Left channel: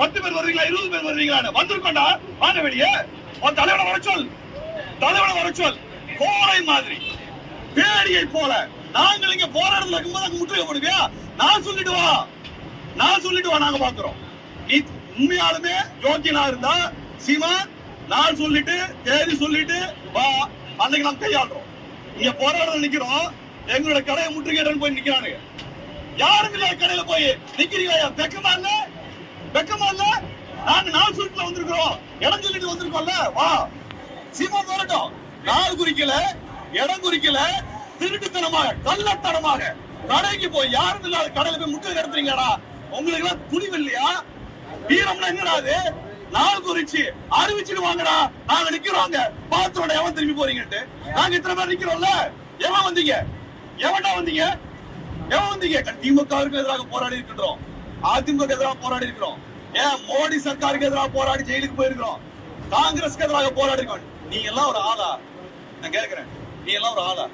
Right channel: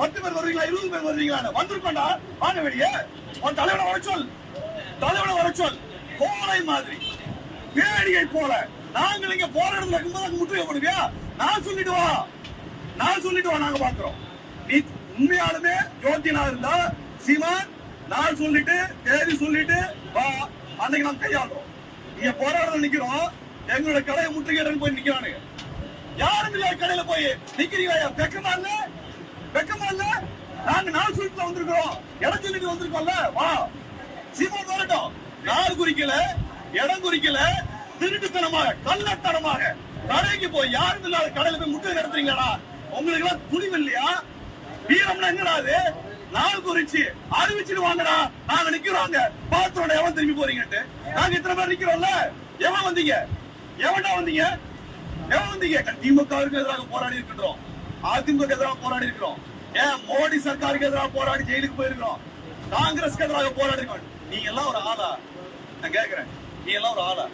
10 பேர் வருவீங்களா 20 பேர் வருவீங்களா வந்திருக்கோண்டா வாங்க வெளியே உன் தலைவனை வர சொல் கோரை மாதிரி வேடியை போல நாங்கள் இங்க போராடுறதுல இருக்கும்போது முற்றுகை போடுங்க நான் சொல்லிட்டு வா நாங்க பாக்குறோம் நீ உண்மையாலுமே யோக்கியனா இருந்தா சீமான் நான் சொல்லிட்டு தேதி சொல்லிட்டு வா அன்னைக்கு நாம் கையாளுறோம் இங்க போராடுறது நிக்கிறோம் எங்களோட கடையை முற்றுகை போய் நிக்கிறானுங்க யாரும் இல்ல கடையில போய் நிக்கிறீங்க வெக்கமா இல்ல நாங்க நாள் சொல்லிட்டு வந்திருக்கிறோம் இடம் சொல்லிட்டு வந்திருக்கோம்ல வா சீமான் வரட்டும் நாள் குறிக்கல இடம் குறிக்கல திருட்டுத்தனமாக கள்ளத்தனமாக கடைக்கு போய் யாரும் இல்லாத கடையில போய் முற்றுகை நடத்துறீங்களா உங்களுக்கு எல்லாம் துணிவு இல்லையா வீரம்னா என்னடாது நாள் குறிச்சு அறிவிச்சுட்டு வாங்கடா நாங்க நிக்கிறோங்க பாத்தோட எவன் திரும்பி போறீங்கட்டு நாங்க இத்தனை பேர் நிக்கிறோம்ல எவன் வந்தீங்க திமுகவுக்கு எதிராக போராடி இருக்கின்றோம் அதிமுக எதிராக போராடி இருக்கிறோம் ஏன் மோடி சர்க்காருக்கு எதிராக போராடி ஜெயிலுக்கு போயிருக்கிறோம் காங்கிரஸ்க்கு எதிராக போராடி இருக்கோம் நீங்க எல்லாம் ஒரு ஆளா நான் கேக்குறேன் நீ எல்லாம் ஒரு ஆளா